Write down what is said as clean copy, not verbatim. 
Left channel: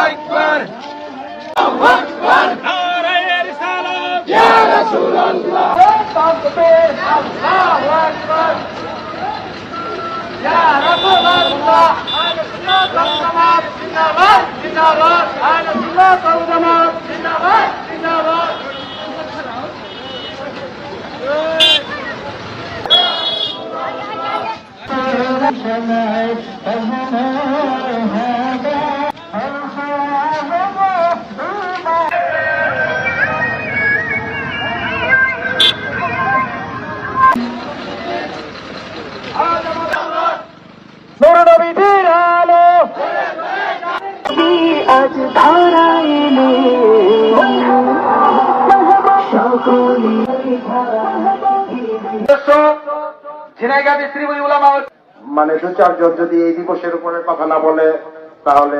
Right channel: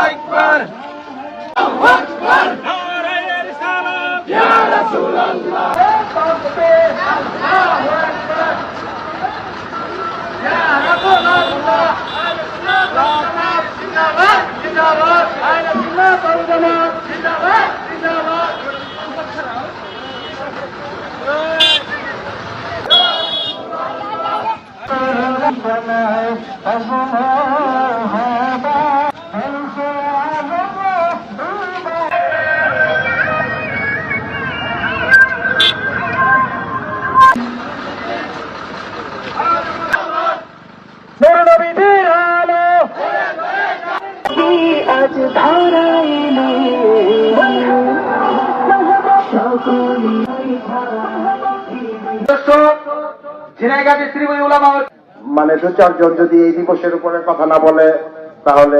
আকবার আল্লাহু আকবার নারায়ে রিসালাত ইয়া রাসূলুল্লাহ তাকবীর আল্লাহু আকবার ইয়া রাসূলুল্লাহ আহলে সুন্নাত ওয়াল জামাত জিন্দাবাদ জিন্দাবাদ আহলে সুন্নাত ওয়াল জামাত জিন্দাবাদ জিন্দাবাদ নবীর আলো আজ ধারা এলো ঝিনাইগাতি শ্রীময়ী উলামা মানে দু চারজন যদি এই দিবসের উপরে কথা না বলে তাহলে